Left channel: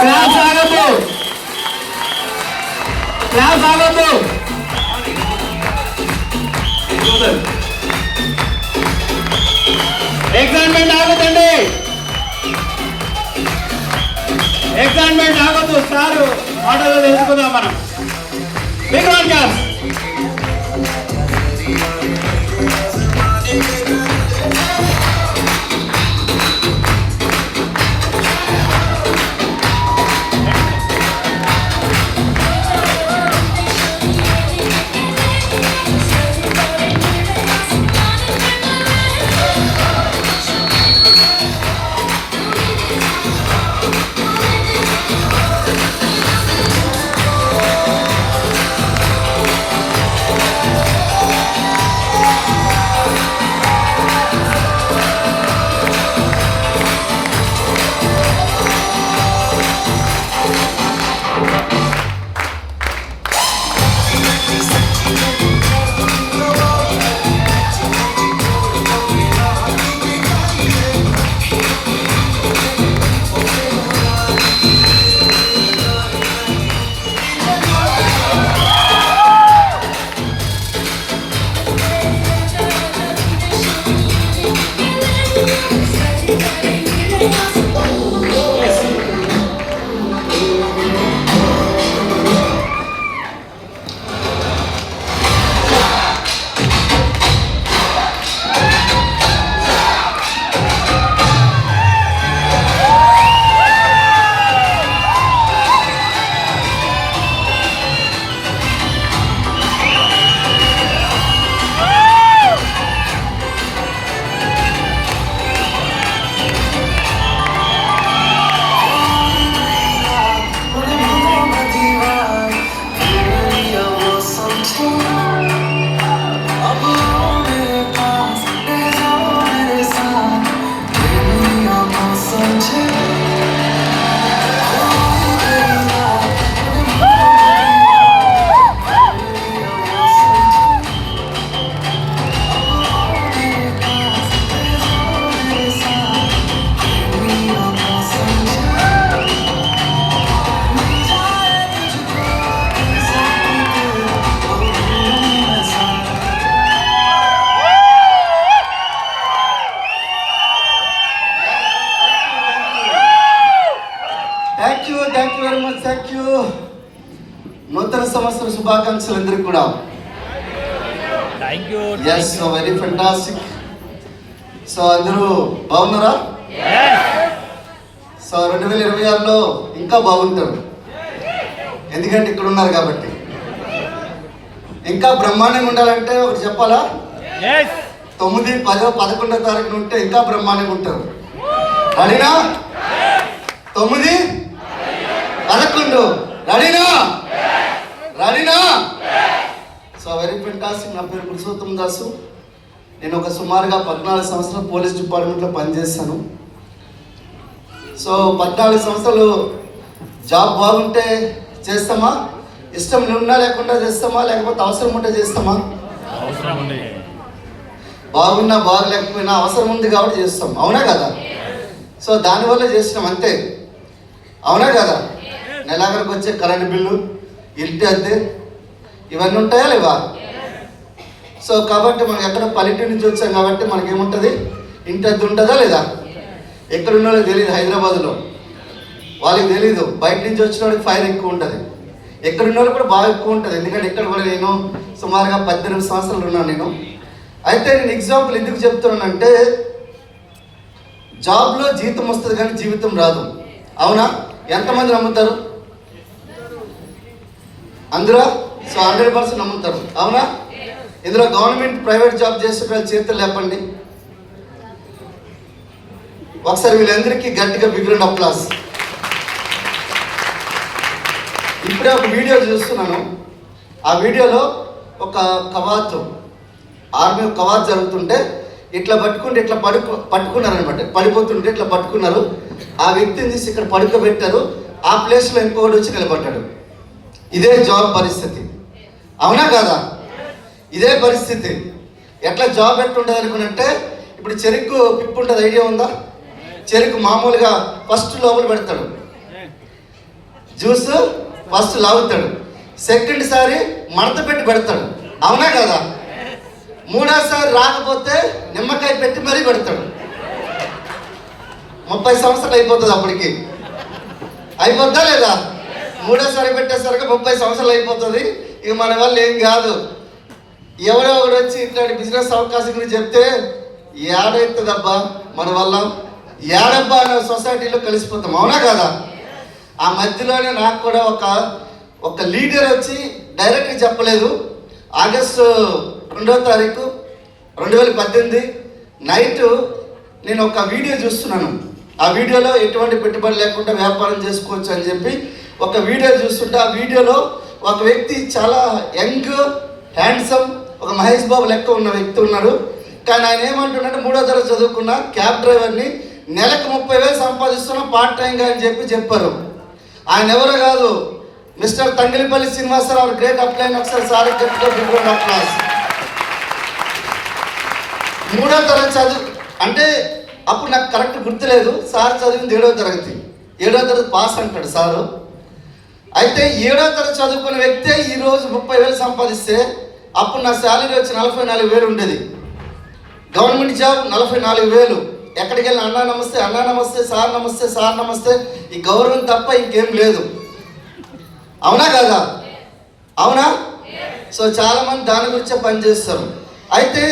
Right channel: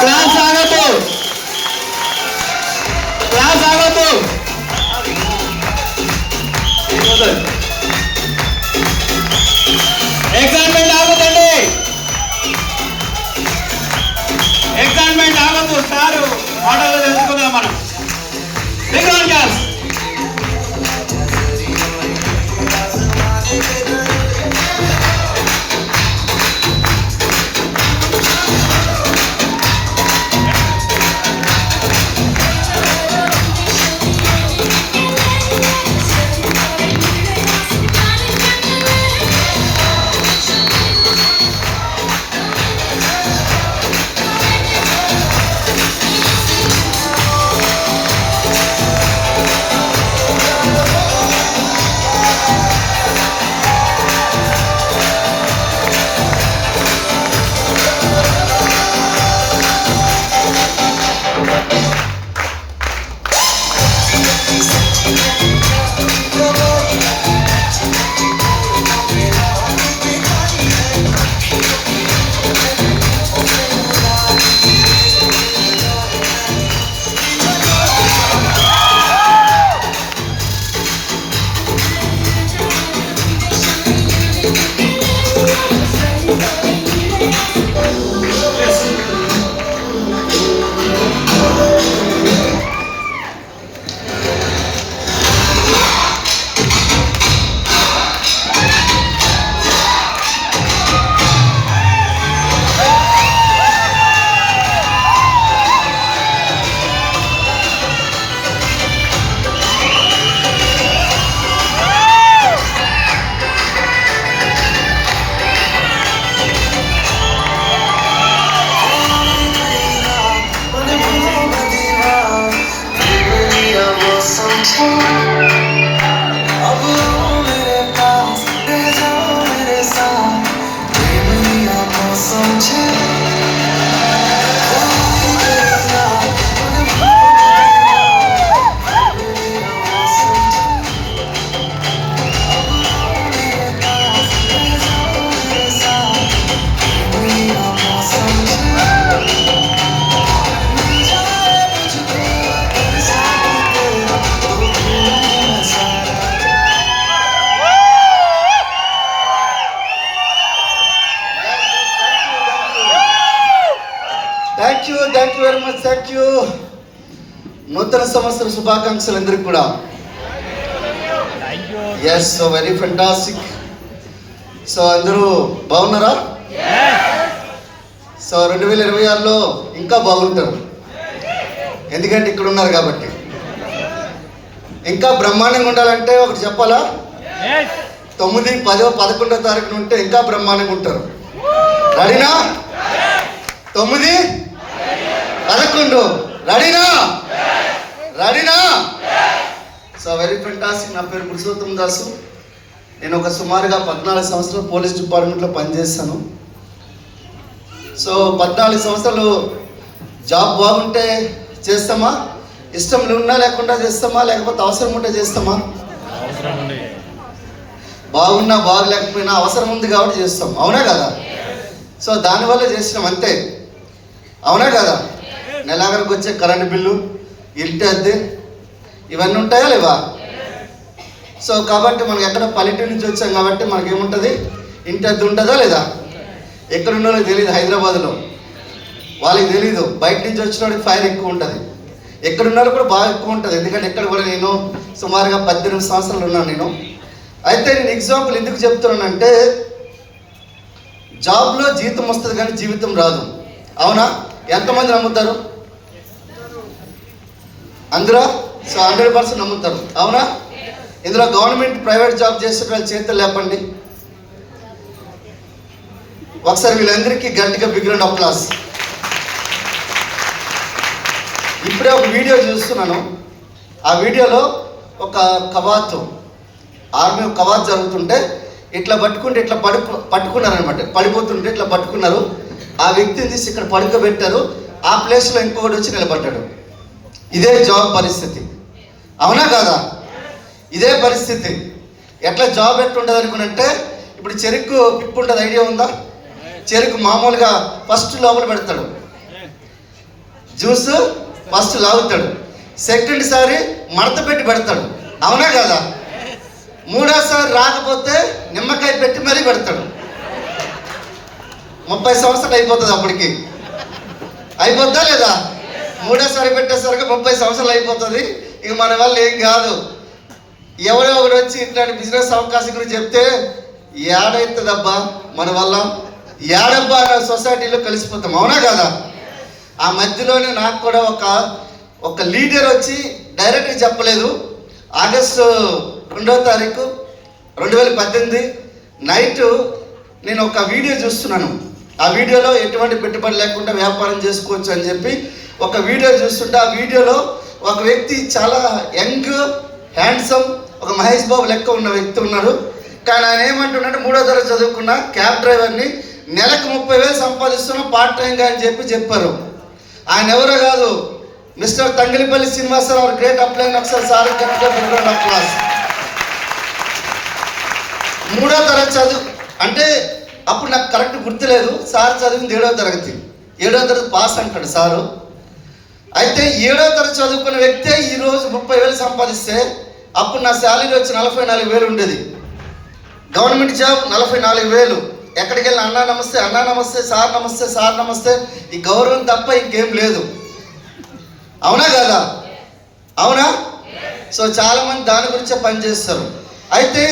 Class ఆగద్దు, class ఆగద్దు. ఎగ్జామ్మెంట్ ఆగదండి, ఎగ్జామ్మెంట్ ఆగద్దు. సారు మాటలు తెలుసుకుందాం మనం. Big round class. Thank you very much. Thank you. నూతన సంవత్సర శుభాకాంక్షలు అందరికీ కూడా. Yes, so very fantastic. So అందరూ బాగున్నారా? సో 2026లో ఇంకా బాగుంటారు, ఎందుకంటే ఇక్కడ ఉన్నారు కాబట్టి. ఇంకా బ్రహ్మాండంగా ఉండాలంటే ఒకటి చెప్పాలా, 9, 10, 11వ తారీఖున ఉంటే ఇంకా బ్రహ్మాండంగా ఉంటారు. రెడీనా? 9, 11 రెడీనా? రెడీనా? So very fantastic. నా పేరు పురుషోత్తం దాసు. నేను ఒక సుమారుగా 14 సంవత్సరాలు పోలీస్ డిపార్ట్మెంట్లో పనిచేస్తాను. సో 14 సంవత్సరాలు జాబ్ బాగుంటే చేస్తామా, ఇష్టం ఉన్నా లేకుండా చేస్తామా, లేకపోతే అవసరం ఉంటే చేస్తామా? బాగున్నా బాగలేకపోయినా అవసరం ఉంది కాబట్టి చేస్తాం, అవునా కదా? సో దానివల్ల చేసినాం అంతే, అవునా కదా? నెలాఖరికి వచ్చే కరెంటు బిల్లు, ఇంటి అద్దె, ఇవన్నీ ఉంటాయా లేవా? సో కాబట్టి మనం ఎక్కడ పల్లెటూరు నుంచి వచ్చాం కాబట్టి మనకేముంటుంది, ఇంటి అద్దె ఉంటుందా లేదా? ఎక్కడున్నో తెలియదు, హైదరాబాద్లో వాళ్ళకి తెలీదు. బయట నుంచి వచ్చిన వాడికి ఫైర్ ఎక్కువ ఉంటుంది, ఎక్కడున్నారో కూడా బాగా ఎక్కువ ఉంటుంది. ఎందుకంటే ఎక్కడ కూడా నేను సుమారుగా 18 సంవత్సరాలు ఉన్నాను నేను. అయితే నేను ఎగ్జాంపుల్ ఎందుకు చెప్తున్నానంటే, జాబ్లో జీతం వస్తుంది కానీ జీవితం రాదు, అవునా? ఎంతమంది నమ్ముతారు? అందరూ? సో 100% నమ్ముతారు, అవునా? ఇందులో గవర్నమెంట్ ప్రైవేట్ జాబ్ చేసే వాళ్ళ చేతులు లేపండి ఒకసారి. వీళ్ళందరికీ గట్టిగా బిగ్ రౌండ్ అప్లాస్. ఇప్పుడే ఒక వీడియో చూస్తున్నాను. ఆ వీడియోలో ఒక కవాత్, ఆర్మీ కవాత్ జరుగుతుంటే ఇట్లా పట్టుకుంటే ఇట్లా పట్టుకున్నారు అనమాట. పడిపోతుంటే ఇట్లా పట్టుకున్నారు. ఆ వ్యక్తిని తీసి ఇక్కడ పడుకోబెట్టారు. ఆ ప్లేస్లో ఇంకొకటి వచ్చి నిలబడ్డాడు. ఇదే జాబ్ పరిస్థితి, అవునా కాదా? ఇదే పరిస్థితి. ఎట్లా జాబ్ ఎట్లుంటుంది అనుకునంటే, ఇప్పుడు చెరుకు పిప్పు ఉంటుంది, ఐడియా ఉందా? చెరుకు మామూలుగా ఫస్ట్ లోపల పెడతాడు, జ్యూస్ ఫస్ట్ లాగుతాడు, సెకండ్ సారి మడత పెట్టి పెడతాడు, అవునా కదా? మూడోసారి రాకపోతే నిమ్మకాయ పెట్టి మరీ పెడతాడు. 30 సంవత్సరాలు అయిపోతుంది అప్పటికి. అయిపోద్దా లేదా? మూడోసారి పెట్టేసరికి 30 సంవత్సరాలు అయిపోతుంది. ఇక మన వల్ల ఏం కాదు. ఎవరో ఒకడు వచ్చి ఇట్లాంటి బిజినెస్ అవకాశం గురించి చెప్తే ఏడవుతుందబ్బా మన వల్ల, ఏడబ్బా అన్న సొసైటీలో కలిసిపోతాం, అవునా కదా? ఆ మధ్యలోనే నాకు కూడా ఒక లీడర్ వచ్చి డైరెక్ట్గా చెప్పలేదు. ఆగస్టు 2వ తారీఖు 2018 నైట్ నేను ఒక వీడియో చూస్తున్నాను. ఆ వీడియోలో ఎటువంటి పెట్టుబడి లేకుండా వ్యాపారం చేసుకోవచ్చు అని చెప్పి ఒక వీడియో చూస్తుంటే, ఆ వీడియోలో ఒక వ్యక్తి చాలా యంగ్ హ్యాండ్సమ్, ఒక మహేష్ బాబు లెక్క ఉన్న వ్యక్తి ఉన్నాడు. కానీ ఆయన ఏమంటున్నాడు, 3వ తరగతి చదువుకున్న క్యాబ్ డ్రైవర్ని, నెలకు 30,000 సంపాదిస్తున్నా పార్ట్ టైంగా అని చెప్పారు. ఆయన ఎవరో కాదు, మిస్టర్ తంగిలిపల్లి శ్రీనివాసరావు, గ్రేట్ అప్లైన్ అఫ్సర్ సార్. 3వ తరగతి చదువు అంటే అప్పుడు నాకు కరెక్ట్ గుర్తులేదు. సార్ చదివింది 7వ తరగతి, 7వ తరగతి పాస్ అంటాడు సారు. అయితే 7వ తరగతి చదువుకున్న వ్యక్తే ఈరోజు 30,000 సంపాదిస్తే, అప్పుడు నా శాలరీ వచ్చి 44,000 ఉండేది. Government job 44,000. ఎక్కడికి వెళ్ళిన అన్నా నమస్తే, అన్నా నమస్తే, సార్ నమస్తే, సార్ నమస్తే, ఈ గౌరవం తప్ప ఇంకేం లేదు, అవునా కదా? అవునా? సో చాలామంది దాని గురించే పనిచేస్తారు. అయితే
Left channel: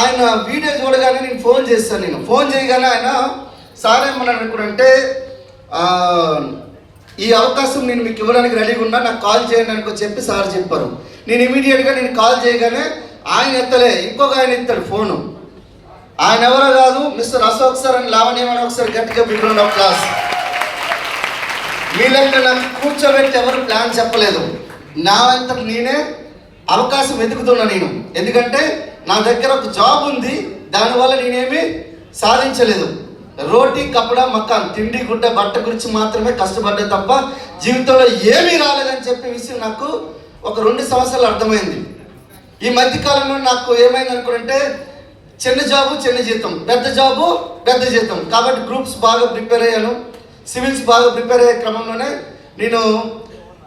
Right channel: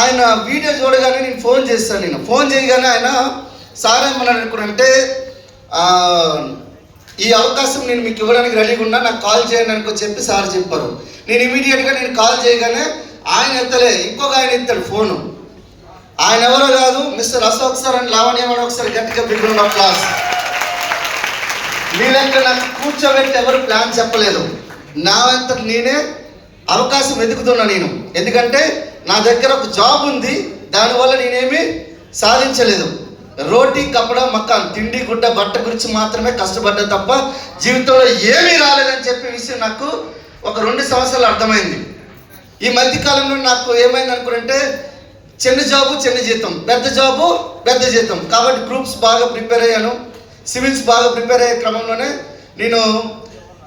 ఆయన వీడియో చూడగానే నేను ఫోన్ చేశాను. నేను ఫోన్ చేయగానే ఆయన సార్ ఏమన్నాడు అనుకుంటే, ఈ అవకాశం నేను మీకు ఇవ్వడానికి రెడీగా ఉన్నా, నాకు కాల్ చేయండి అనుకో చెప్పి సార్ చెప్పారు. నేను ఇమీడియట్గా నేను కాల్ చేయగానే ఆయన ఎత్తలే, ఇంకొక ఆయన ఎత్తాడు ఫోను. ఆయన ఎవరో కాదు, మిస్టర్ అశోక్ సార్ అని లావణ్యమని ఒకసారి గట్టిగా బిడ్డ క్లాస్. వీళ్ళంటే నాకు కూర్చోబెట్టి ఎవరు ప్లాన్ చెప్పలేదు, నా అంత నేనే అవకాశం వెతుకుతున్నా నేను. ఎందుకంటే నా దగ్గర ఒక జాబ్ ఉంది, దానివల్ల నేనేమి సాధించలేదు. రోటీ కపడా మకాన్, తిండి గుడ్డ బట్ట గురించి మాత్రమే కష్టపడ్డా తప్ప జీవితంలో ఏమీ రాలేదని చెప్పే విషయం నాకు ఒక 2 సంవత్సరాలు అర్థమైంది. ఈ మధ్యకాలంలో నాకు ఏమైంది అనుకుంటే, చిన్న జాబు చిన్న జీతం, పెద్ద జాబు పెద్ద జీతం. కాబట్టి గ్రూప్స్ బాగా ప్రిపేర్ అయ్యాను, సివిల్స్ బాగా ప్రిపేర్ అయ్యే క్రమంలోనే నేను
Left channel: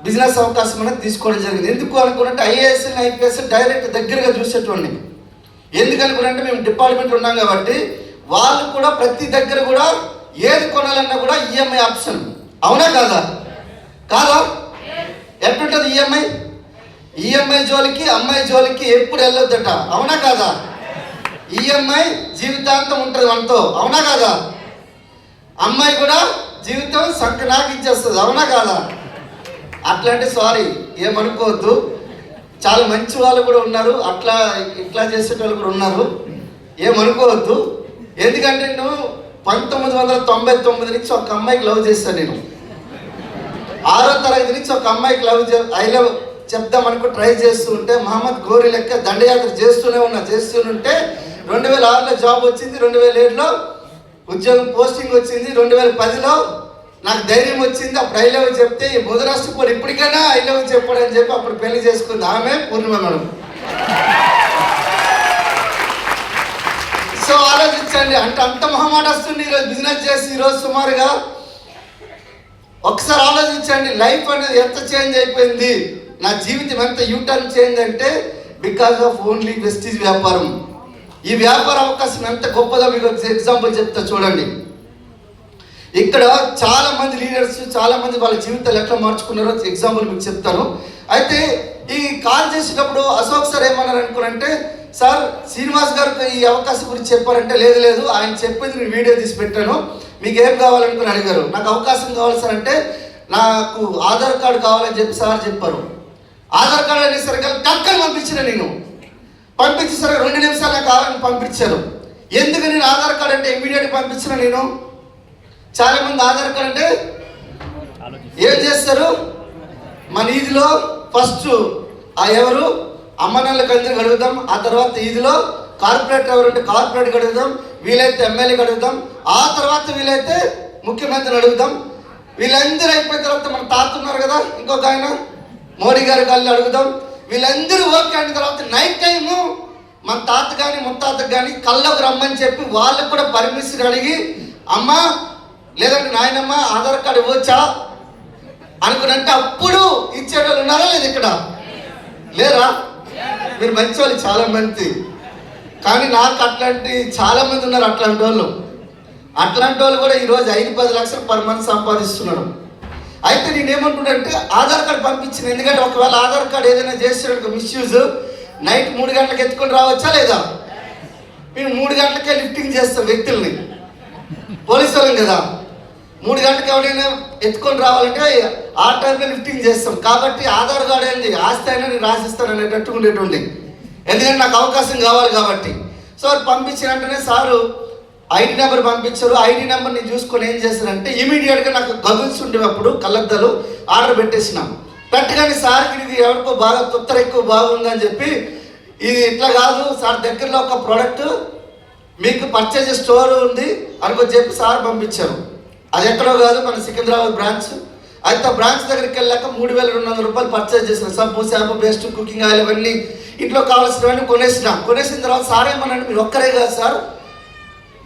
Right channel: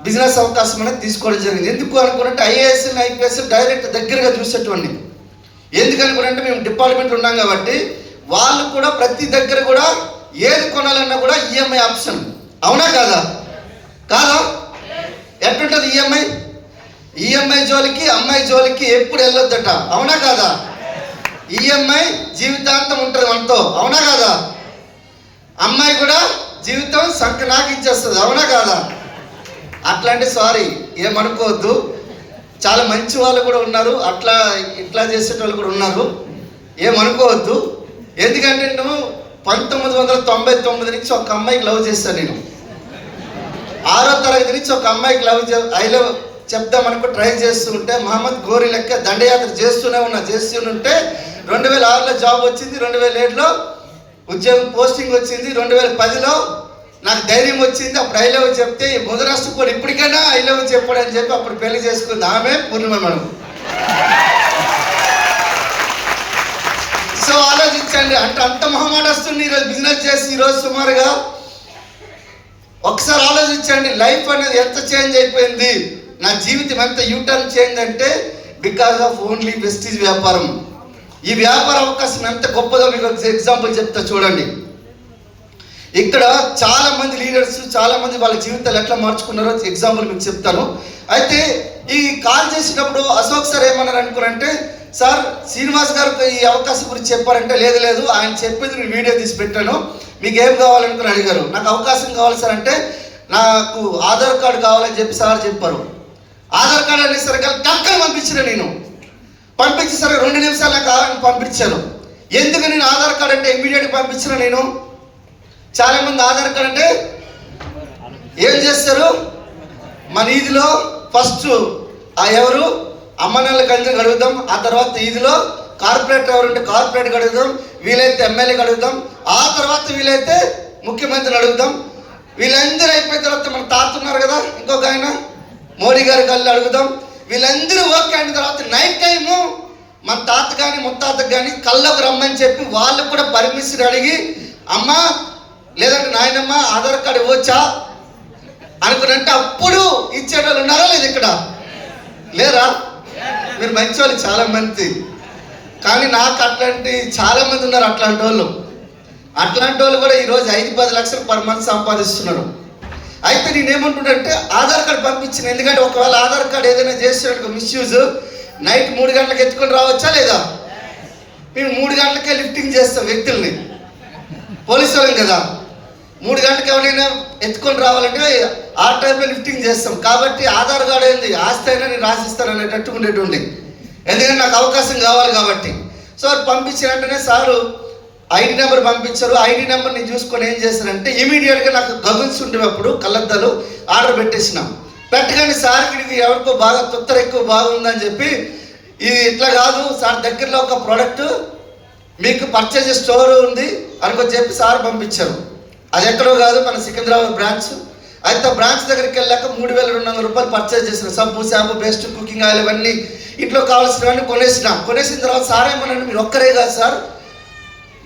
బిజినెస్ అవకాశం అనేది తీసుకోవడం జరిగింది. ఎందుకు అనుకుంటే ఐఏఎస్ ఐపీఎస్ డైరెక్ట్ దగ్గరగా చూసేటువంటి. ఎందుకు అనుకుంటే మేము డిపార్ట్మెంట్ ఉన్నాం కాబట్టి వాళ్ళు కూడా ప్రతి దగ్గర కూడా ఏది కొనాలన్నా కూడా ఈఎంఐ ఆప్షన్, అవునా కాదా? కాదా? ఎట్లుంటుంది ఈఎంఐ జోలికి అమ్మాయి జోలికి ఎప్పుడు వెళ్ళొద్దట, అవునా కాదా? ఈఎంఐ జీవితాంతం ఉంటుంది మనతో, అవునా కాదా? అమ్మాయి కూడా జీవితం సంకనాకించేస్తుంది, అవునా కాదా? అట్లాంటి సారీ ఏమనుకోవద్దు, చాలా మంచి వాళ్ళు కూడా ఉన్నారు, ఇట్లా చేసేటోళ్ళు కూడా ఉన్నారు, ఏమనుకోవద్దు. ఎందుకంటే నేను 1999 నుంచి ఒక అమ్మాయికి లవ్ చేశాను. నేను 6వ తరగతి నుంచి ఒక అమ్మాయికి ఐ లవ్ చెప్దామనుకో ట్రై చేస్తూ ఉంటే, మహమ్మద్ గోరి లెక్క దండయాత్ర చేస్తూనే చేస్తుంటే 2006లో జాబ్ వచ్చింది, 2007లో ఉద్యోగం పోస్టింగ్ వచ్చింది, 2010లో నాకు ధైర్యం వచ్చింది. అప్పుడు ఐ లవ్ చెప్తే ఈ ముదరాష్ట్రపోడు ఇప్పటికైనా ఐ లవ్ చెప్పాడని చెప్పి అప్పుడు పెళ్లి చేసుకుంది ఆమె పూర్ణిమ మేడం. సో ఆలోచించండి, అంటే అంత మొహమాట వస్తుంది ఈరోజు బిజినెస్ చేసి. ఈరోజు సుమారుగా ఒకసారి ఆలోచించండి, లైఫ్ అనేది ఎంత చేంజ్ అయిపోయింది, నా జీవితం ఎంత యూటర్న్ చేంజ్ అంటే బికాస్ ఆఫ్ ఓన్లీ వెస్టీజ్ వ్యాపారం. ఈ వ్యాపార అవకాశం ఎంత గొప్పదో మీకు ఎగ్జాంపుల్ చెప్తా చూడండి. ఇక్కడ చాలా మంది లీడర్స్, చాలా మంది వాళ్ళ జీవితాలు ఎట్లా మార్చుకున్నారో ఎగ్జాంపుల్ మీకు చెప్తాను. అయితే ఈ కాల్ చేసినప్పుడు అశోక్ సార్ ఏమన్నారు అనుకున్నంటే, సార్ శ్రీనివాస్ గారు ఈ అవకాశం గురించి చెప్పారంటే, లేదు ఆయన చెప్పేది నేను వీడియో తీసి పెట్టాను, మీకు ఏం కావాలనుకుని అడిగారు. నాకు అవకాశం కావాలి సార్ అంటే, నాకు ఆధార్ కార్డు కావాలని చెప్పి సార్ చెప్పారు. ఆధార్ కార్డు అనేసరికి టక్కని పంపించిన నేను పంపించేసరికి 2 నిమిషాలు నాకు కావాలని పంపించారు. ఎందుకు నేను ఆధార్ కార్డు అంటే ఇమీడియట్గా పంపించిన నేను. చాలామంది ఆధార్ కార్డు అంటే ఏం చేస్తారు, మన ఈదిలో ఫస్ట్ ఎవరు అమ్మనాళ్ళకి అయితే అడుగుదాం, ఆ తర్వాత ఈదిలో కార్పొరేట్ ఎవరంటే కార్పొరేట్కి అడుగుదాం, వీలైతే ఎమ్మెల్యేకి అడుగుదాం, ఆ తర్వాత వీలైతే ముఖ్యమంత్రిని అడుగుదాం. వీళ్ళందరూ అయిపోయిన తర్వాత మన తాత ఉన్నారు కదా, ఇంకొక ఆయన మోడీ గారి కళ్ళు అడుగుదాం. వీళ్ళందరూ ఓకే అయిన తర్వాత నైట్ టైము మన తాత కానీ ముత్తాతకు కానీ కళ్ళకు రమ్మని చెప్పి వాళ్ళకు కూడా పర్మిషన్ అడిగి, అమ్మ లేదంటే నాయనమ్మ ఆధార్ కార్డు ఇవ్వచ్చా, అనుకున్నంటే అప్పుడు ఇచ్చేటోళ్ళు ఉన్నారా లేదు ఇక్కడ? లేరా? మీరు మంచి వాళ్ళు చాలా మంది, కానీ నాకు అట్లాంటి చాలా మంది ఉన్నారు అట్లాంటి వాళ్ళు. అట్లాంటి వాళ్ళు కూడా ఈరోజు 5-10 లక్షలు పర్ మంత్ సంపాదిస్తున్నారు. అయితే నేనేమంటున్నానంటే ఆధార్ కార్డు పంపించిన, ఎందుకంటే ఒకవేళ ఆధార్ కార్డు ఏదైనా చేస్తున్న మిస్యూజ్ నైట్ 3 గంటలకు ఎత్తుకొని రావచ్చా లేదా? మేము 3 గంటలకే లిఫ్టింగ్ చేస్తాం వ్యక్తుల్ని, పోలీసు వాళ్ళం కదా. 3 గంటలకు ఎవరైనా ఎత్తుకొని రావాలంటే ఆ టైంలో లిఫ్టింగ్ చేస్తాం. కాబట్టి ఆధార్ కార్డు ఏంది ఆస్తి అయినా నేను రాసిస్తాను అనేటట్టు ఉండేటువంటి, ఎందుకంటే నాకు అవకాశం కావాలి కాబట్టి. సో పంపించిన వెంటనే సారు ఐడి నెంబర్ పంపించారు. ఐడి నెంబర్ నేను చూసుకొని ఏం చేశానంటే ఇమీడియట్గా నాకు గగుల్స్ ఉండేటప్పుడు కళ్ళద్దాలు ఆర్డర్ పెట్టేసినాం. పెట్టగానే సార్కి ఎవరికో బాగా తొత్తర ఎక్కువ బాగుందని చెప్పి, ఇది ఇట్లా కాదు సార్, దగ్గరలో ఒక ప్రోడక్ట్ మీకు పర్చేజ్ స్టోర్ ఉంది అనుకొని చెప్పి సార్ పంపించారు. అది ఎక్కడో కాదు, మన సికింద్రాబాద్ బ్రాంచ్. అయితే బ్రాంచ్ దగ్గరికి వెళ్ళాక 3200 రూపాయలు పర్చేజ్ చేశాను. సబ్బు, షాంపూ, పేస్ట్, కుకింగ్ ఆయిల్ అవన్నీ ఇంట్లో కావాల్సినవన్నీ కొనేసిన తర్వాత సార్ ఏమన్నాడు, మీరు ఒక్కరే కాదు సార్,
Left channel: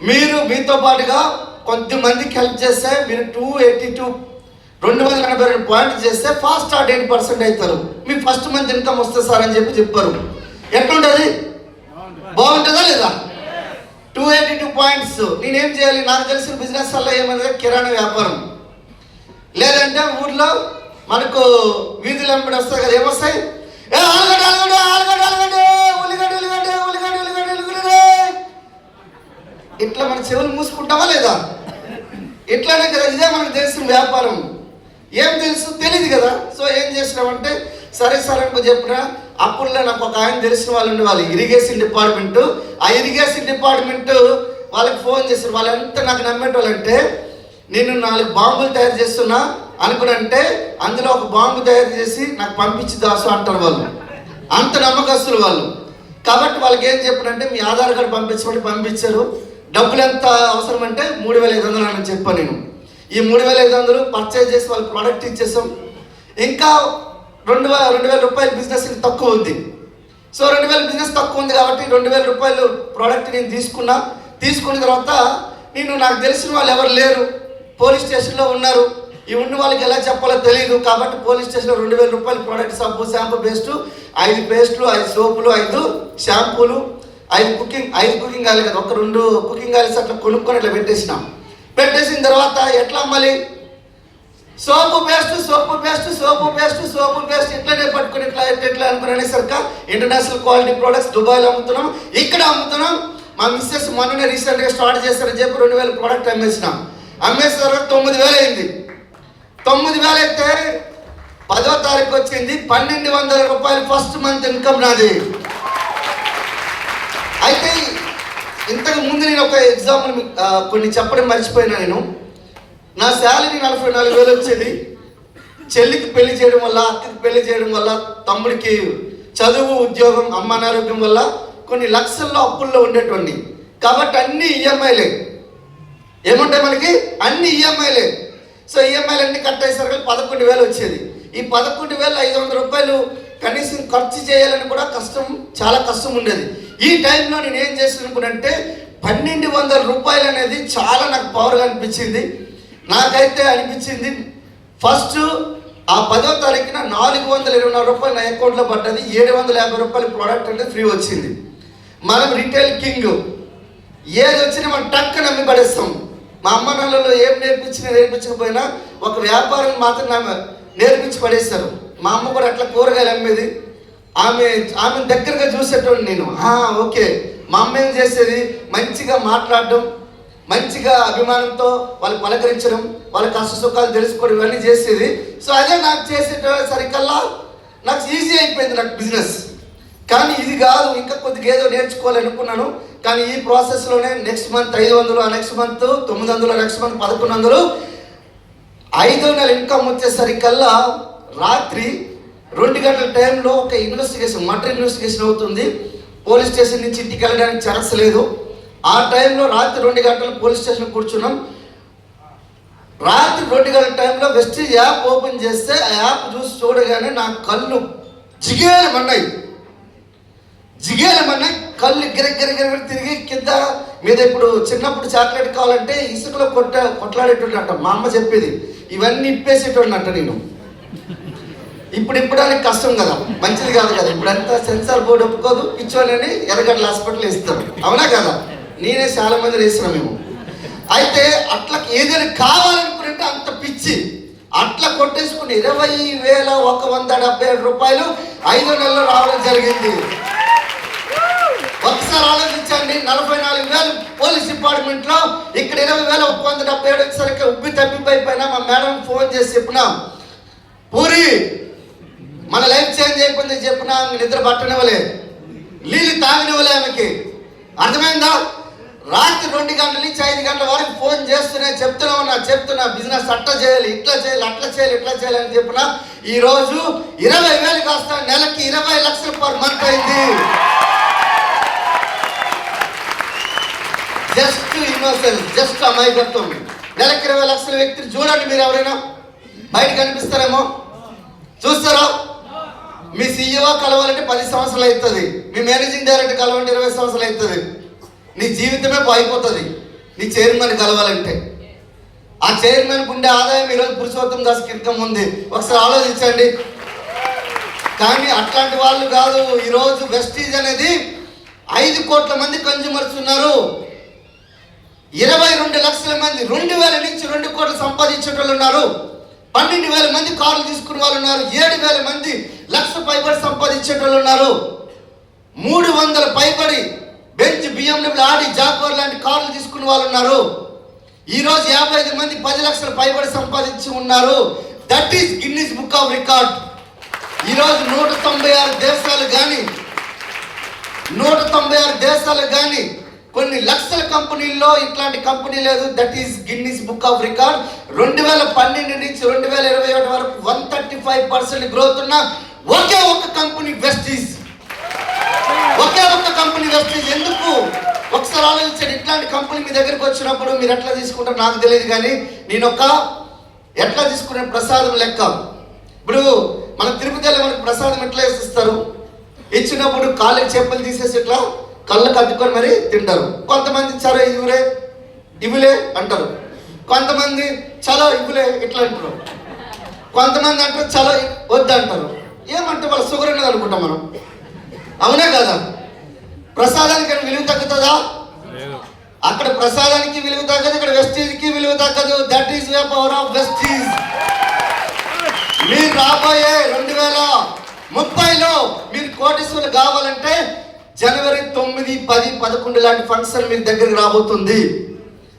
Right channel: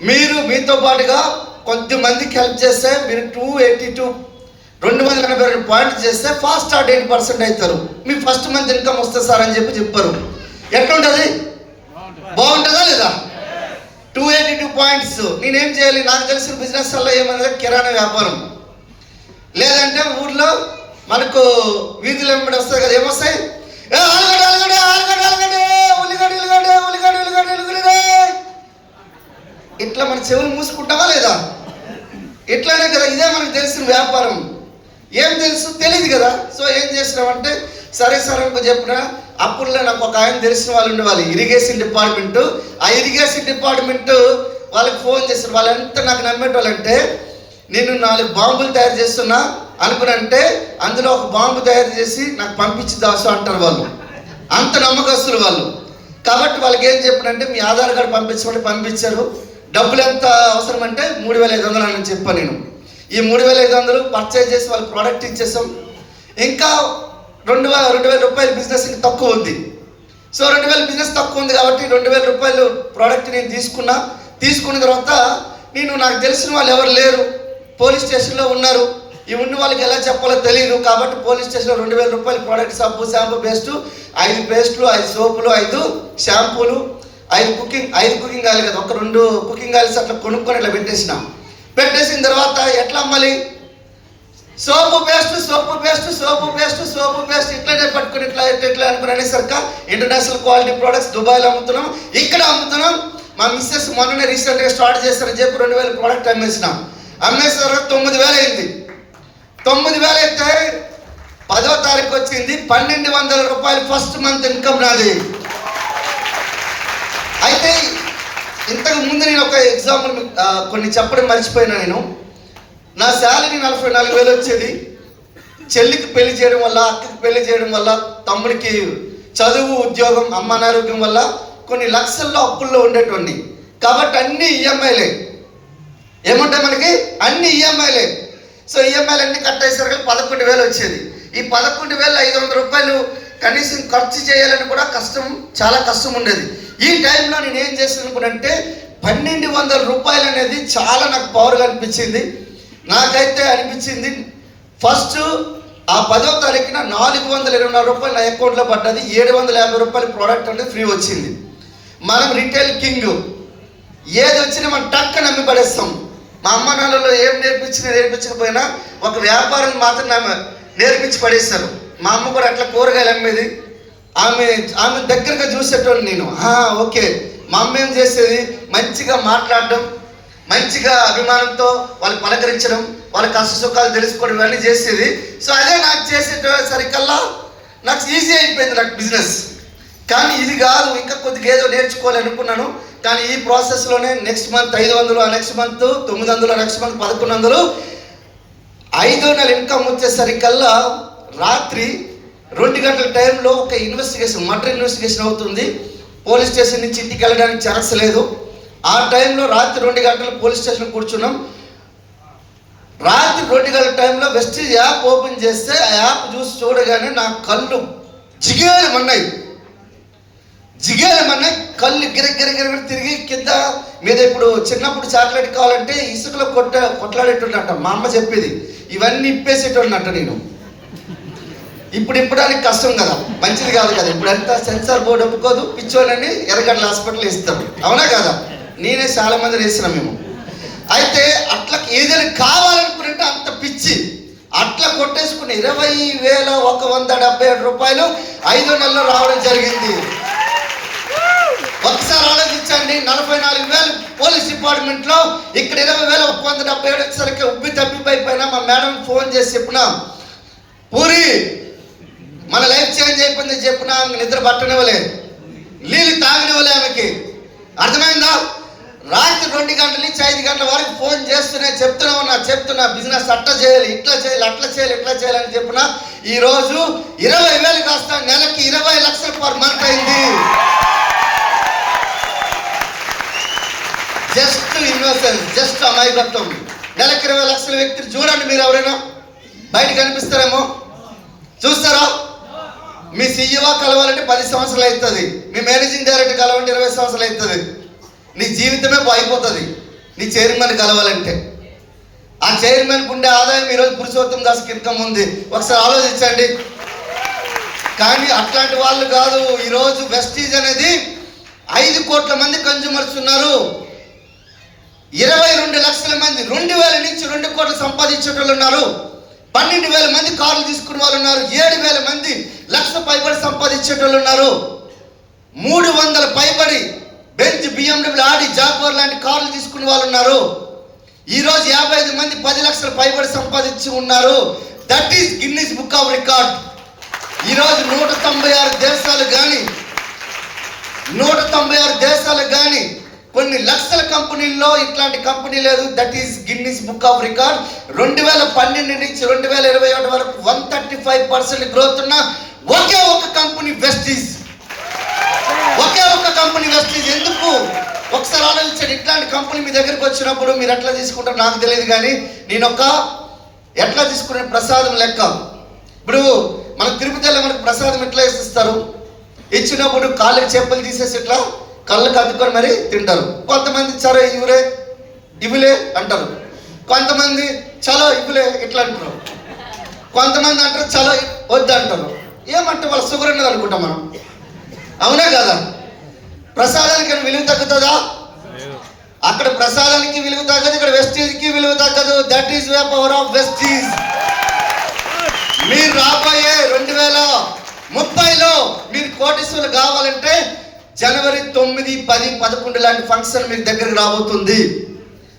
మీరు మీతో పాటుగా కొంతమందికి హెల్ప్ చేస్తే మీరు 282 పాయింట్స్ చేస్తే ఫాస్ట్ స్టార్ట్ 8% అవుతారు, మీ ఫస్ట్ మంత్ ఇన్కమ్ వస్తుంది సార్ అని చెప్పారు. ఎట్లుంటుంది? బాగుంటుందా లేదా? 282 పాయింట్స్. నేనేం చేయాలి? నాకు తెలిసిన బిజినెస్ వల్ల ఏమన్నా కిరాణా వ్యాపారం, లేదంటే ఊర్లో మనకు వీధులు వెంబడి వస్తాయి కదా, ఏమొస్తాయి? ఇట్లా మన చెవులు మూసుకుంటావా లేదా? ఇట్లానే కదా, ఇదే మనకు తెలిసిన వ్యాపారం. ఏం తెలుసు? తెలియదు కదా. సో ఏం చేసినామంటే సరే అనుకో చెప్పిన. అప్పుడులో నాకు ఒక ఆయన తెలిసిన వాళ్ళు ఉండేవాళ్ళు, ఇరిగేషన్ డిపార్ట్మెంట్. ఆ ఇరిగేషన్ డిపార్ట్మెంట్ వాళ్ళకి ఫోన్ చేశారు. వాళ్ళు ఎంత నాకు నమ్మేటోళ్ళంటే, నేను 4 బాంబులు తయారు చేస్తున్నా అనుకునంటే అందులో ఒక బాంబు తయారు చేసి నాకు పంపించి దాసు అంటారు వాళ్ళు. అంత నమ్మకస్తులు వాళ్ళు. కాబట్టి వాళ్ళకి ఏం చెప్పినంటే మీ ఆధార్ కార్డు పంపించమని పంపించారు. డబ్బులు ఎంత అవసరం అంటే 3500 అని చెప్పాను నేను. ఈ 3500 పర్చేజ్ చేసి వాళ్ళకి ప్రోడక్ట్ ఇచ్చేసాం. ఇంకా 2000 రూపాయలు బిజినెస్ తక్కువ ఉంది. సో 2000 బిజినెస్ తక్కువ ఉంది కాబట్టి 2000 రూపాయలు ప్రోడక్ట్ నేను తీసుకున్న తర్వాత నాకు తెలిసిన వాళ్ళు ఎవరు లేరు, పోలీస్ స్టేషన్లో ఉన్నారు. ఈ ఉన్న వాళ్ళకి ఎలా చెప్పాలో తెలియదు. కాబట్టి పోలీస్ స్టేషన్లో 2000 రూపాయలు ప్రోడక్ట్, సబ్బు, షాంపూ, పేస్టు, 5 పేస్టులు, 5 సోపులు, 5 షాంపూలు, 5 కుకింగ్ ఆయిల్ కదా, 2 కుకింగ్ ఆయిల్స్ అట్లా కొనుక్కొని ఇట్లా పెట్టేసిన తర్వాత ఎట్లా అమ్మాలి? సోపు పేస్ట్ ఇట్లనే పట్టుకుని ఇట్లా అనుకుని అనేసరికి ఇంటర్నేషనల్ క్వాలిటీ ప్రొడక్ట్స్ దుబాయ్లో అమ్ముతున్నాం, ఇక్కడ అమ్ముతున్నాం. మా మిస్సెస్ మొన్ననే రీసెంట్గా స్టార్ట్ చేస్తారని చెప్పి 2000 ప్రోడక్ట్ అమ్మేసరికి 9000 అయింది. 9000 అయితే 10వ తారీఖు వచ్చింది 1200 రూపాయలు ఫస్ట్ మంత్ ఇన్కమ్ నాది. అయితే ఇంతకు ముందు నేను ఒక ఎగ్జాంపుల్ కొన్ని చెప్పడం మర్చిపోయినా. నా శాలరీ 44,000 వచ్చేది. చెల్లికి పెళ్లి చేయడం వల్ల, అక్కకి పెళ్లి చేయడం వల్ల, తమ్ముడికి చదువు, ఉద్యోగం, అమ్మ అనారోగ్యం వల్ల కొన్ని లక్షల్లో అప్పుల్లో ఉండేటువంటి. కాబట్టి అన్ని ఈఎంఐలే. ఏముంటాయి మనకి? అన్ని ఈఎంఐలే. సో ఈఎంఐలు అన్ని కట్ అయ్యేసరికి 11,000 వచ్చేది. ఈ 11,500 రూపాయలు కనీసం ఖర్చు చేయాలని కూడా చాలా కష్టం ఉండేది. ఈ టైంలో నేను ఏం చేసానుకుంటే 1200 రూపాయలు అనేది చాలా నాకు పవర్గా అనిపించింది. నాకైతే అనిపించింది ఫస్ట్ ఆ 10వ తారీఖున 424 రూపాయలు నా అకౌంట్లో పడ్డది. 750 రూపాయలు ప్రోడక్ట్ అంటే ఫ్రీ వచ్చింది. మనం రిటైల్ కింగ్, ఏది వచ్చినా మనం టక్ నమ్మి పడేస్తాం. మా అమ్మ నాన్నలో ఏం నేర్పించకపోయినా ఒక వ్యాపారం మాత్రం నేర్పించి పడేస్తారు. మా అమ్మ కూడా అట్లా కూరగాయలు అమ్మేది. ఆమె దగ్గరగా చూసేటోని నేను. ఓకే, మా అమ్మ ఏం చేసేది, మంచిగా మాట్లాడడం, మంచిగా అభిమానంతో వాళ్ళు పలకరించడం, వాళ్ళ కష్ట సుఖాలు తెలుసుకోవడం, ఇవన్నీ చేసేది. సో అదే నాకు చేసేసరికల్లా నాకు ఈజీ అయిపోయింది నాకు బిజినెస్. కానీ ఇది కాదు, ఇంకా కొద్దిగా ఏదో నేర్చుకోవాలనుకున్నాను. కానీ ఈ ప్రాసెస్లోనే నెక్స్ట్ మంత్ 500, ఆ నెక్స్ట్ మంత్ 900, నెక్స్ట్ మంత్ 1100, 5వ నెల ఇన్కమ్ వచ్చేసరికల్లా రాత్రి 2 గంటల టైంలో ఒక మర్డర్ ఇన్వెస్టిగేషన్ అవుతుంది. పోలీస్ స్టేషన్ నుంచి ఇంటికి వెళ్ళడానికి ఛాన్స్ లేదు. ఆ టైంలో రాత్రి 2 గంటలు పోలీస్ స్టేషన్ కూర్చున్నాం. రాత్రి 2 గంటల టైంలో వెస్టీజ్ యాప్ ఓపెన్ చేస్తే ఆ యాప్ చూడగానే నా కళ్ళు జిగేలమన్నాయి. కళ్ళు గిరగిర తిరిగి కింద మీద. ఇప్పుడు చిన్నప్పుడు చాక్లెట్ కావాలంటే ఇసుకలో కొట్లాడేటోడంట మా అమ్మ చెప్పేది. ఇవన్నీ ఇప్పేసేటోడినంట నేను. ఇప్పుడు ఇప్పడానికి కష్టం కదా, మంచిది కాదు కదా. ఇప్పుడంతా సెన్సార్ బోర్డు ఒప్పుకోదు, పిచ్చోళ్ళని ఎర్రగడ్డ హాస్పిటల్ ఇస్తారు, అవునా కదా. నేనే చాలా మంది చేస్తున్నాం మేము. అయితే అట్లా ఏదైనా కావాలనుకుంటే అంత పిచ్చి అట్లా కొట్టేసుకుని 20,177 రూపాయలు 5 నెలల్లో రావడం జరిగింది. ఒకసారి ఆలోచించండి, 44,000 పోలీస్ డిపార్ట్మెంట్ లో, ఇక్కడ 20,177 వచ్చేసరికి ఉబ్బి తప్పిపోయిపోయినా మా మేడం ఫోన్ చేసి చెప్పినా, పూరి మన లైఫ్ చేంజ్ అయిపోయింది చెప్పినా, నిద్ర పట్టనివ్వలే, నీళ్ళు తాగనివ్వలే ఆమెకి, అర్థమైందా. రాత్రి 2 గంటల నుంచి 5 గంటల వరకు ఫోన్ చేస్తూనే చెప్తున్నా బిజినెస్ అట్లా చేయాలి, ఇట్లా చేయాలి, అట్లా చేయాలి, ఇట్లా చేయాలి అని చెప్పిన ఈరోజు 20,000 కాస్త నెలకి 20 లక్షలు పర్ మంత్ అయింది. జస్ట్ ఇన్నోసెన్స్, జస్ట్ అమాయకత్వం. నెలకి 20 లక్షల వ్యక్తిని చూడండి మీరు. ఎవరైనా బయట కనిపిస్తారేమో, చూస్తారా? మీ సీఈఓ కలవాలంటే 10 సంవత్సరాలు అవుతుంది, మీ మేనేజింగ్ డైరెక్టర్ కలవాలంటే 20 సంవత్సరాలు అవుతుంది. నీ జీవితమే అయిపోతుంది నీ చైర్మన్ కలవాలంటే. ఆ చైర్మన్ ఉండే ఆదాయం ఈరోజు పురుషోత్తం దాస్ ఇన్కమ్ ఉంది, ఒకసారి ఆలోచించండి. కానీ అట్లాంటి వాళ్ళు కాదు. ఈరోజు వెస్టీజ్ అనేది 5 కోట్ల మంది కన్జ్యూమర్స్ ఉన్నారు, 22 లక్షల మంది 2,000 నుంచి 2 కోట్లు సంపాదించే వాళ్ళు ఉన్నారు, 12,000 మంది కార్లు తీసుకునే వాళ్ళు ఉన్నారు, 7,000 మంది లక్ష పైబడి సంపాదించే వాళ్ళు ఉన్నారు, 300 పైబడి బెంచ్, BMW, ఆడి, జాగ్వార్ లాంటి కార్లు తీసుకునే వాళ్ళు ఉన్నారు. ఈరోజు 55 మంది 10 లక్షల పైబడి సంపాదించి ఉన్నారు. That is Guinness book of record. ఈరోజు 196 దేశాలు కానీ కొన్ని లక్షల కంపెనీల్లో ఇట్లాంటి కంపెనీ లేదు. That is Guinness book of record. 2012 నుంచి 2021 వరకు 135% గ్రోత్ ఉన్న ఒకే ఒక కంపెనీ వెస్టీజ్. ఒకే ఒక్క కంపెనీ వెస్టీజ్. ఎందుకు ఒకసారి ఆలోచించండి. ఇట్లాంటి కంపెనీ మీ దగ్గరికి వచ్చినప్పుడు మీరు ఎట్లా తీసుకుంటారో నాకు తెలియదు, కానీ నేను ఎట్లా తీసుకునే ప్రసాదం లెక్క. ఇప్పుడు మన తిరుపతిలో మనకు ప్రసాదం ఎట్లా ఇస్తారు, ఇచ్చినప్పుడు కాళ్ళకి చెప్పులు తీసేసి ఇట్లా కళ్ళు కట్టుకొని మరి తింటారు. కొంతమంది సరే ఇవులే అంటారు, కొంతమంది చలో ఇవులే ఇట్లా అంటారు, కొంతమంది అంటారు చలో వద్దు అంటారు. ఏమంటే వాళ్ళ షుగర్ ఉన్నది అనుకుంటాం మనం, అవునే కదా. ప్రసాదానికి విలువ తగ్గుతుందా? అక్కడ ప్రసాదానికి విలువ తగ్గదు, ఇక్కడ వెస్టీజ్కి విలువ తగ్గదు. That is the power of Vestige. మీరు రాబోయే 2030లో మీరు కోటీశ్వరులు కావాలంటే జనవరి 9, 10, 11 లాంటి ఫంక్షన్ మీ దగ్గరికి రాబోతుంది.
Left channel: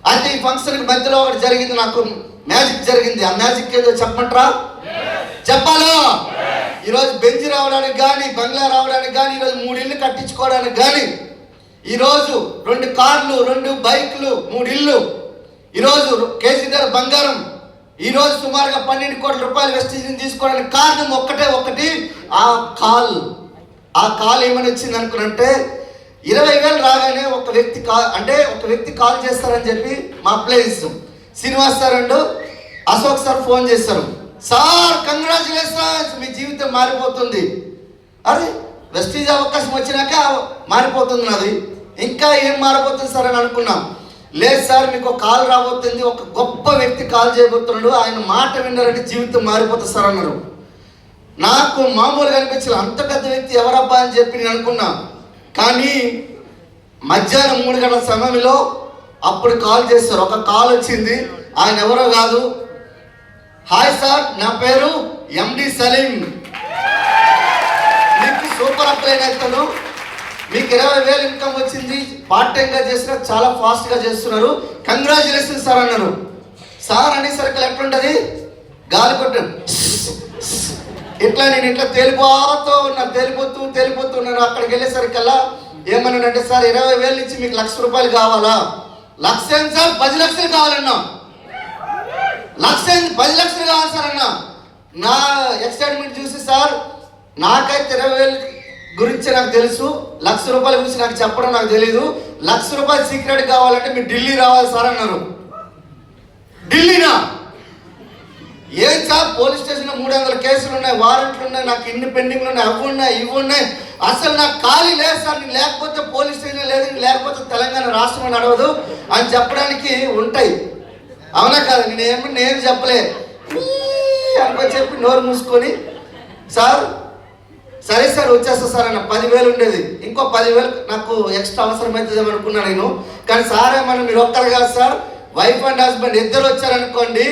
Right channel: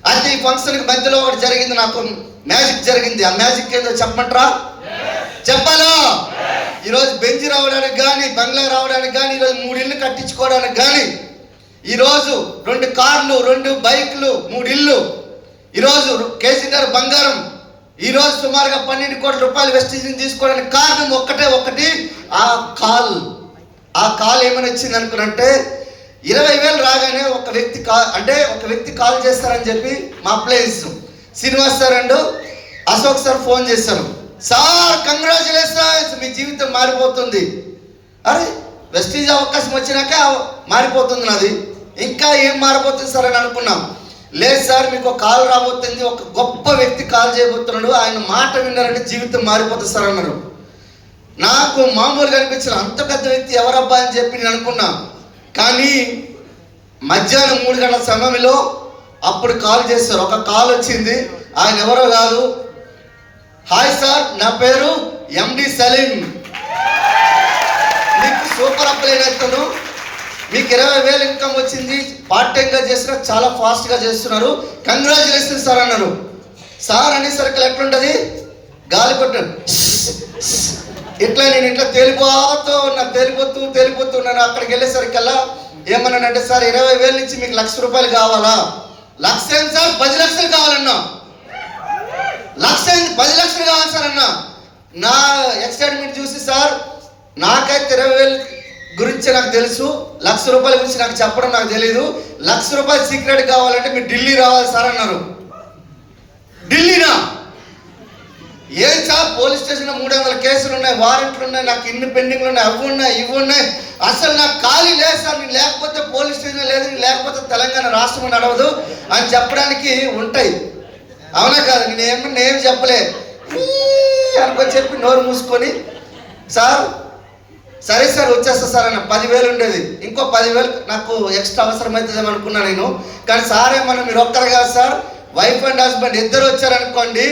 అయితే ఈ ఫంక్షన్ మధ్యలో ఒకటి జరిగింది, నాకు మ్యాజిక్ జరిగింది. ఆ మ్యాజిక్ ఏదో చెప్పమంటారా? చెప్పాలా? ఈరోజు బెంచ్ రావడానికి కానీ, బంగ్లా రావడానికి కానీ, ఈరోజు 3 ఇళ్ళు కట్టించుకోవడానికి కానీ, ఈరోజు 2 కార్లు, 2 బైక్లు, 3 ఇళ్ళు, ఈరోజు కేసీఆర్ బంగారం, ఈరోజు సుమారుగా 12 కోట్ల రూపాయలు వెస్టీజ్ని తీసుకోవడానికి కారణం ఒకటి, ఆ కాల్ ఏమని వచ్చింది అనుకున్నంటే 20,000 రాగానే ఒక వ్యక్తి కాల్ చేస్తారని చెప్పి మా place Srinivas sir and Ashok sir phone చేశారు. సార్ కంగ్రాచులేషన్స్, మీ జీవితం మారిపోతుంది. అరే వెస్టీజ్ అవకాశం వచ్చినాక మారిపోతుంది నాది, ఇంకా ఏం మారిపోతుంది సార్ అని అనుకున్నాం. లేదు సార్ మీకు కాల్ రాబోతుంది, ఒక గొప్ప వ్యక్తి కాల్ చేయబోతున్నాడు, ఆయన మాట విన్నారంటే జీవితం మారిపోతుంది సార్ అన్నారు. నాకు మామూలుగా అనిపించింది, అంత పెద్ద వ్యక్తి ఎవరబ్బా అని చెప్పి నేను అనుకున్నా. కానీ మధ్యాహ్నం 3 గంటల సమయంలో అప్పుడు కాల్ చేశారు. ఒక కాల్ వచ్చింది, ఆయన ఎవరో కాదు, హాయ్ సార్ నా పేరు ఎండి సలీం, మీకు సూపర్ అప్లైన్ అవుతాను, మీకు 20,000 ఇన్కమ్ వచ్చింది, పార్ట్ టైంగా చేసిన చాలా ఫాస్ట్గా చేస్తున్నారు, కంగ్రాచులేషన్ సార్ అన్నారు. సార్ అనేసరికి ఎట్లుంటుంది, గాలి కొట్టాను ఇట్లా, నేను ఇట్లా తేలిపోతున్నాను. అక్కడికి వెళ్ళేసరికల్లా ఏమన్నానంటే, సార్ 20,000 నుంచి మీకు 1,00,000 రూపాయలు కావాలా? 1,00,000 సార్, 10 లక్షలు కావాలన్నా. 10 లక్షలు కావాలి సార్ అన్న. నా ఎక్సైట్మెంట్ చూసి, సార్ నాకైతే 20,000 గురించి నాకు తెలుసు, 1,00,000 రూపాయల గురించి నాకు చెప్పడం నాకు తెలీదు, 1,00,000 రూపాయలు సీక్రెట్ కావాలంటే మీరు ఢిల్లీ రావాలి సార్ అన్నారు. ఢిల్లీనా? ఏం సార్ పోలీస్ స్టేషన్లో 300 కేసులు ఉన్నాయి, వారెంట్లు ఉన్నాయి, నాకు ఇన్ని పెండింగ్లు ఉన్నాయి, అవి ఉన్నాయి, ఇవి ఉన్నాయి, అసలు నాకు ఖాళీ లేదు సార్, నేను లేకపోతే పోలీస్ స్టేషన్ లేదు, లేకపోతే తెలంగాణ రాష్ట్రం నడవదు అని చెప్పడానికి ఉంటాయి, అవునా కాదు? నేనేం చెప్పలే అనుకో చెప్పి నోరు మూసుకొని సార్ సరే సార్ వచ్చేస్తా సార్ అన్న 10,000 ఉండేది, ఇంకో 10,000 నాకు ఎక్స్ట్రా అవసరమవుతుందని అనుకున్నా నేను. కానీ సారే మనం మీరు ఒక్కరు కాదు సార్, వైఫ్ అండ్ హస్బెండ్ ఇద్దరు వచ్చారనుకోండి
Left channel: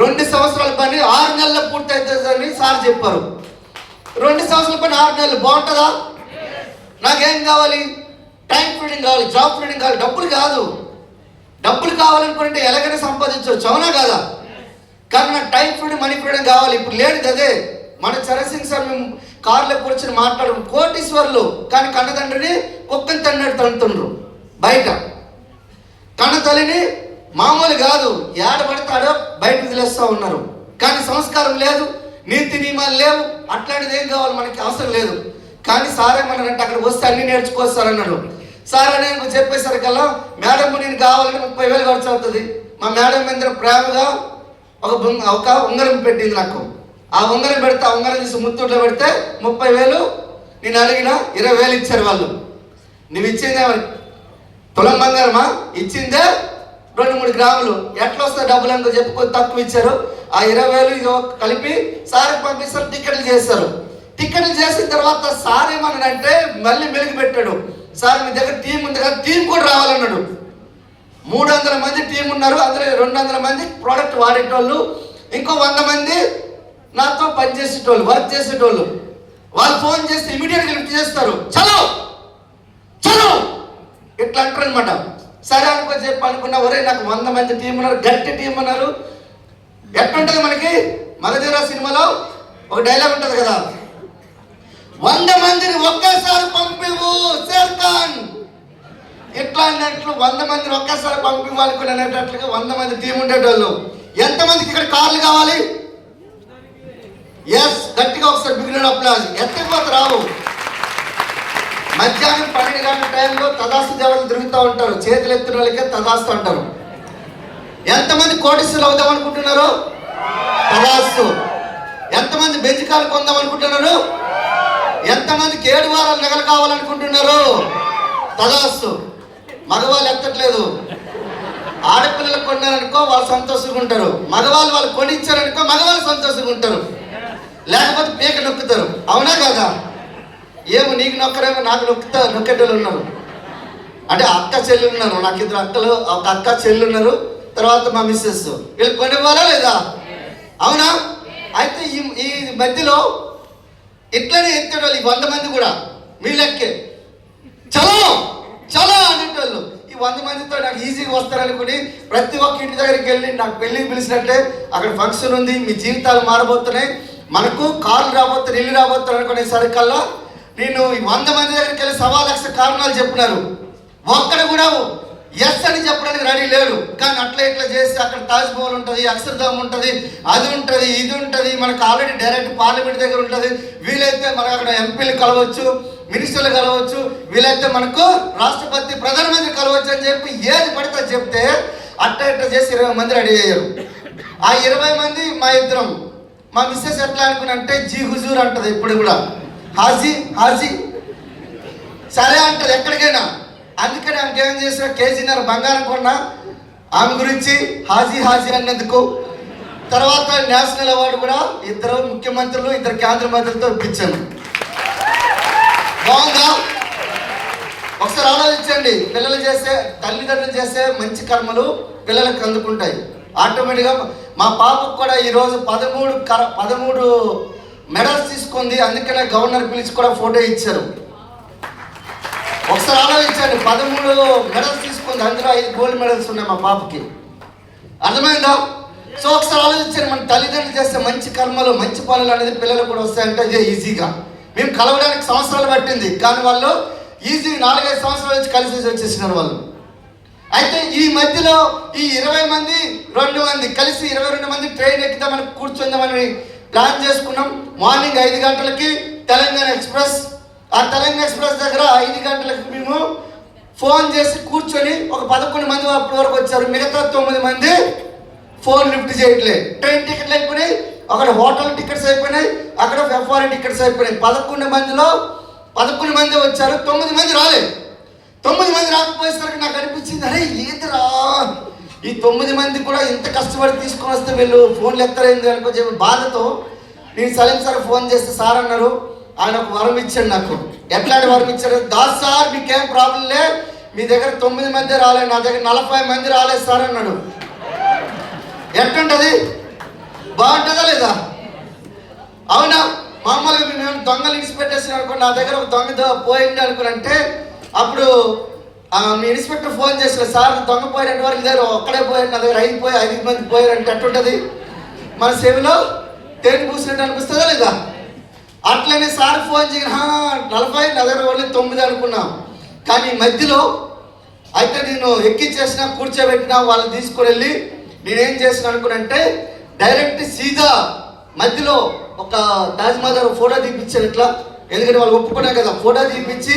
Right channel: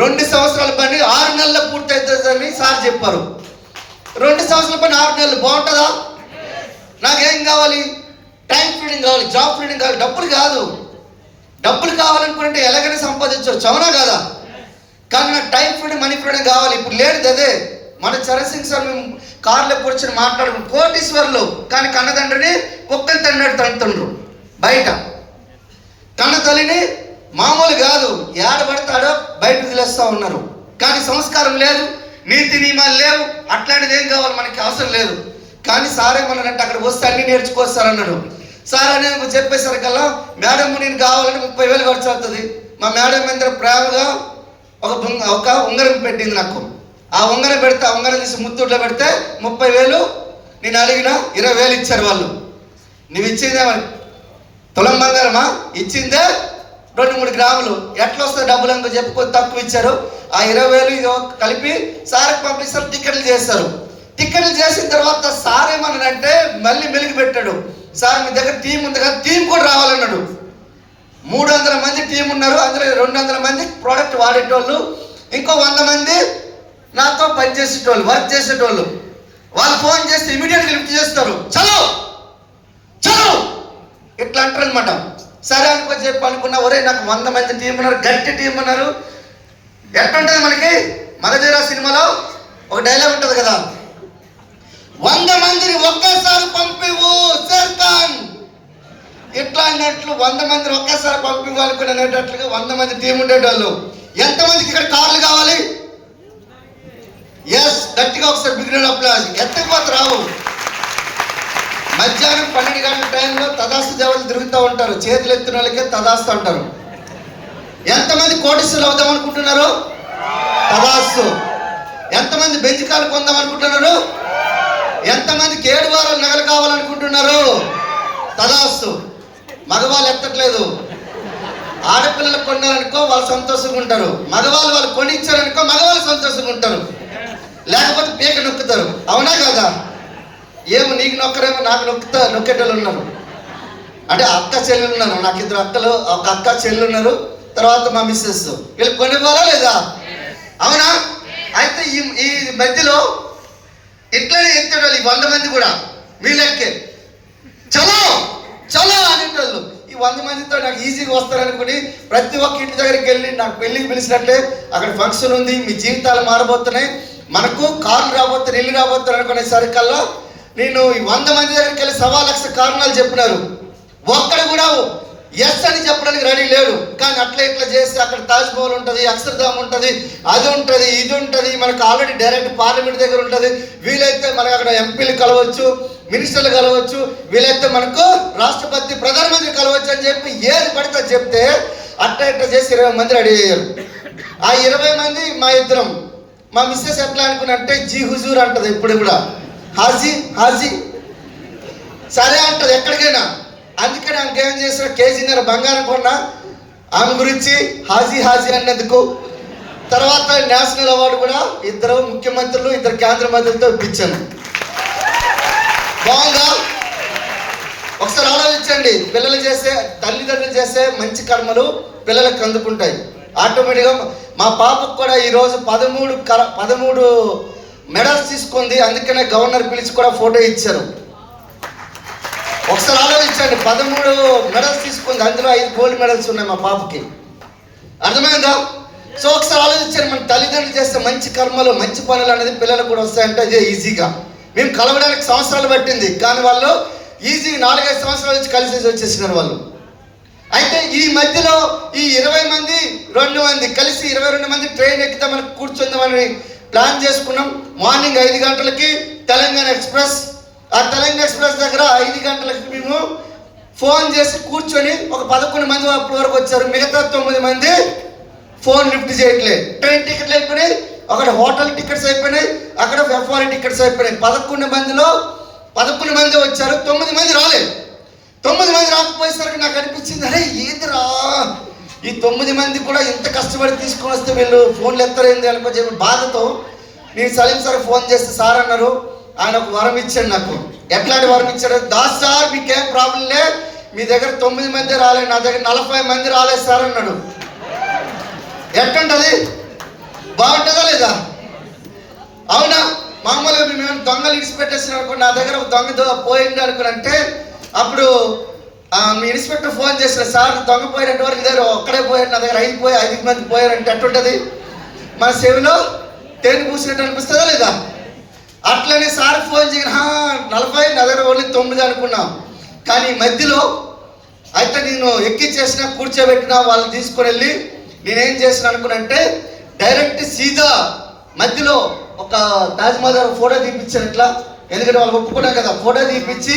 2 సంవత్సరాల పని 6 నెలల్లో పూర్తి అవుతుందని సార్ చెప్పారు. 2 సంవత్సరాల పని 6 నెలలు బాగుంటుందా? నాకేం కావాలి? టైం ఫ్రీడింగ్ కావాలి, జాబ్ ఫ్రీడింగ్ కావాలి, డబ్బులు కాదు. డబ్బులు కావాలనుకుంటే ఎలాగైనా సంపాదించవచ్చు, అవునా కాదా? కానీ నాకు టైం ఫ్రీడింగ్, మనీ ఫ్రీడింగ్ కావాలి. ఇప్పుడు లేదు అదే. మన చరణ్ సింగ్ సార్ మేము కార్లో కూర్చొని మాట్లాడు, కోటీశ్వర్లు కానీ కన్నతండ్రిని కుక్కని తండ్రుండ్రు బయట. కన్న తల్లిని మామూలు కాదు, ఏడబడతాడో బయట వదిలేస్తూ ఉన్నారు. కానీ సంస్కారం లేదు, నీతి నియమాలు లేవు. అట్లాంటిది ఏం కావాలి మనకి అవసరం లేదు. కానీ సార్ ఏమన్నారంటే అక్కడ వస్తే అన్ని నేర్చుకొస్తారన్నాడు. సార్ అని చెప్పేసరికల్లా మేడం నేను కావాలంటే 30,000 ఖర్చు అవుతుంది. మా మేడం మీద ప్రేమగా ఒక ఉంగరం పెట్టింది నాకు. ఆ ఉంగరం పెడితే ఆ ఉంగరం తీసి ముత్తూట్లో పెడితే 30,000 నేను అడిగిన 20,000 ఇచ్చారు వాళ్ళు. నువ్వు ఇచ్చిందే తులం బంగారమా? ఇచ్చిందే 2-3 గ్రాములు. ఎట్లా వస్తే డబ్బులు అనుకో చెప్పి కొంచెం తక్కువ ఇచ్చారు. ఆ 20,000 కలిపి సార్కి పంపిస్తారు, టికెట్లు చేస్తారు. టికెట్లు చేసిన తర్వాత సార్ ఏమన్నాడంటే మళ్ళీ మెలుగు పెట్టాడు. సార్ మీ దగ్గర టీం ఉంది కదా, టీం కూడా రావాలన్నాడు. 300 మంది టీం ఉన్నారు, అందులో 200 మంది ప్రోడక్ట్ వాడేటోళ్ళు, ఇంకో 100 మంది నాతో పనిచేసేటోళ్ళు, వర్క్ చేసేటోళ్ళు. వాళ్ళు ఫోన్ చేస్తే ఇమీడియట్గా లిఫ్ట్ చేస్తారు. చలో చలో ఇట్లా అంటారు అనమాట. సరే అనుకో చెప్పి అనుకున్నా, ఒరే నాకు 100 మంది టీం ఉన్నారు, గట్టి టీం ఉన్నారు. ఎట్లుంటుంది మనకి మగధీర సినిమాలో ఒక డైలాగ్ ఉంటుంది కదా, 100 మందిని ఒకేసారి పంపివు షేర్ఖాన్. ఇట్లా అన్నట్లు 100 మందిని ఒకేసారి పంపివ్వాలనుకునేటట్లుగా 100 మంది టీం ఉండేటోళ్ళు. ఎంతమందికి ఇక్కడ కార్లు కావాలి? ఎస్, గట్టిగా ఒకసారి బిగినర్ అప్లాజ్. ఎత్తకపోతే రావు. మధ్యాహ్నం 12 గంటల టైంలో తదాస్తు జవాలు తిరుగుతూ ఉంటారు, చేతులు ఎత్తిన వాళ్ళకే తదాస్తు అంటారు. ఎంతమంది కోటీశ్వరులు అవుదాం అనుకుంటున్నారు? తదాస్తు. ఎంతమంది బెంచికాలు కొందాం అనుకుంటున్నారు? ఎంతమందికి 7 వారాలు నగలు కావాలనుకుంటున్నారు? తదాస్తు. మగవాళ్ళు ఎత్తట్లేదు. ఆడపిల్లలకు కొన్నారనుకో వాళ్ళు సంతోషంగా ఉంటారు, మగవాళ్ళు వాళ్ళు కొనిచ్చారనుకో మగవాళ్ళు సంతోషంగా ఉంటారు, లేకపోతే పీక నొక్కుతారు, అవునా కదా? ఏమో నీకు నొక్కరేమో నాకు నొక్కేటోళ్ళు ఉన్నారు. అంటే అక్క చెల్లి ఉన్నారు, నాకు 2 అక్కలు, ఒక అక్క చెల్లి ఉన్నారు, తర్వాత మా మిస్సెస్. వీళ్ళు కొనివ్వాలా లేదా? అవునా? అయితే ఈ మధ్యలో ఇట్లనే ఎత్తేటోళ్ళు ఈ 100 మంది కూడా వీళ్ళెక్కే చలో చలో అనేటోళ్ళు. ఈ 100 మందితో నాకు ఈజీగా వస్తారనుకుని ప్రతి ఒక్క ఇంటి దగ్గరికి వెళ్ళి నాకు పెళ్ళికి పిలిచినట్టే, అక్కడ ఫంక్షన్ ఉంది, మీ జీవితాలు మారబోతున్నాయి, మనకు కార్లు రాబోతున్నాయి, ఇల్లు రాబోతున్నాయి అనుకునేసరికల్లా నేను ఈ 100 మంది దగ్గరికి వెళ్ళి 1,00,000 కారణాలు చెప్పినారు. ఒక్కడు కూడా ఎస్ అని చెప్పడానికి రెడీ లేడు. కానీ అట్లా ఇట్లా చేస్తే అక్కడ తాజ్ మహల్ ఉంటుంది, అక్షర్ధామ్ ఉంటుంది, అది ఉంటుంది, ఇది ఉంటుంది, మనకు ఆల్రెడీ డైరెక్ట్ పార్లమెంట్ దగ్గర ఉంటుంది. వీలైతే మనకు అక్కడ ఎంపీలు కలవచ్చు, మినిస్టర్లు కలవచ్చు, వీలైతే మనకు రాష్ట్రపతి, ప్రధానమంత్రి కలవచ్చు అని చెప్పి ఏది పడితే చెప్తే అట్లా ఇట్లా చేసి 20 మంది రెడీ అయ్యారు. ఆ 20 మంది మా ఇద్దరం. మా మిస్సెస్ ఎట్లా అనుకున్నంటే జీ హుజూర్ అంటది ఇప్పుడు కూడా, హాజీ హాజీ సరే అంటది ఎక్కడికైనా. అందుకని ఆమెకి ఏం చేసిన, కేజీన్నర బంగారం కొన్నా ఆమె గురించి హాజీ హాజీ అన్నందుకు. తర్వాత నేషనల్ అవార్డు కూడా 2 ముఖ్యమంత్రులు 2 కేంద్ర మంత్రులతో ఇప్పించాను. బాగుందా? ఒకసారి ఆలోచించండి. పిల్లలు చేసే, తల్లిదండ్రులు చేసే మంచి కర్మలు పిల్లలకు అందుకుంటాయి ఆటోమేటిక్గా. మా పాపకు కూడా ఈరోజు 13 మెడల్స్ తీసుకుంది. అందుకనే గవర్నర్ పిలిచి కూడా ఫోటో ఇచ్చారు. ఒకసారి ఆలోచించండి, 13 మెడల్స్ తీసుకుంది, అందులో 5 గోల్డ్ మెడల్స్ ఉన్నాయి మా పాపకి. అర్థమైందా? సో ఒకసారి ఆలోచించండి, మన తల్లిదండ్రులు చేస్తే మంచి కర్మలు, మంచి పనులు అనేది పిల్లలకు కూడా వస్తాయంటే ఇదే ఈజీగా. మేము కలవడానికి సంవత్సరాలు పట్టింది, కానీ వాళ్ళు ఈజీగా 4-5 సంవత్సరాల నుంచి కలిసి వచ్చేసినారు వాళ్ళు. అయితే ఈ మధ్యలో ఈ 20 మంది 2 మంది కలిసి 22 మంది ట్రైన్ ఎక్కుతామని కూర్చుందామని ప్లాన్ చేసుకున్నాం. మార్నింగ్ 5 గంటలకి తెలంగాణ ఎక్స్ప్రెస్. ఆ తెలంగాణ ఎక్స్ప్రెస్ దగ్గర 5 గంటలకి మేము ఫోన్ చేసి కూర్చొని ఒక 11 మంది అప్పటి వరకు వచ్చారు. మిగతా 9 మంది ఫోన్ లిఫ్ట్ చేయట్లేదు. ట్రైన్ టికెట్లు అయిపోయినాయి, అక్కడ హోటల్ టికెట్స్ అయిపోయినాయి, అక్కడ ఎఫ్ఆర్ టికెట్స్ అయిపోయినాయి. 11 మందిలో 11 మంది వచ్చారు, 9 మంది రాలేదు. 9 మంది రాకపోయేసరికి నాకు అనిపించింది, అరే ఏదిరా ఈ 9 మంది కూడా ఇంత కష్టపడి తీసుకొని వస్తే వీళ్ళు ఫోన్లు ఎత్తరైంది అనుకో చెప్పి బాధతో నేను సలీం సార్ ఫోన్ చేస్తే సార్ అన్నారు ఆయన ఒక వరం ఇచ్చాడు నాకు. ఎట్లాంటి వరం ఇచ్చాడు? దాస్ సార్ మీకేం ప్రాబ్లం లే, మీ దగ్గర 9 మంది రాలేదు, నా దగ్గర 40 మంది రాలేదు సార్ అన్నాడు. ఎట్టుంటది? బాగుంటుందా లేదా? అవునా? మామూలుగా మేము దొంగలు ఇడిచిపెట్టేసిన అనుకో, నా దగ్గర ఒక దొంగ పోయింది అనుకుని అంటే అప్పుడు మీ ఇన్స్పెక్టర్ ఫోన్ చేసిన సార్ దొంగ పోయినట్టు వరకు దగ్గర ఒక్కడే పోయాడు, నా దగ్గర 5 మంది పోయారంటే ఎట్టుంటది? మన చెవిలో తేనె పూసినట్టు అనిపిస్తుందా లేదా? అట్లనే సార్ ఫోన్ చేయగా 40, నా దగ్గర ఓన్లీ 9 అనుకున్నాం. కానీ మధ్యలో అయితే నేను ఎక్కిచ్చేసిన, కూర్చోబెట్టిన, వాళ్ళని తీసుకుని వెళ్ళి నేనేం చేసిన అనుకున్నంటే డైరెక్ట్ సీదా మధ్యలో ఒక తాజ్మహల్ గారు ఫోటో తీపిచ్చారు ఇట్లా, ఎందుకంటే వాళ్ళు ఒప్పుకున్నాం కదా, ఫోటో తీపిచ్చి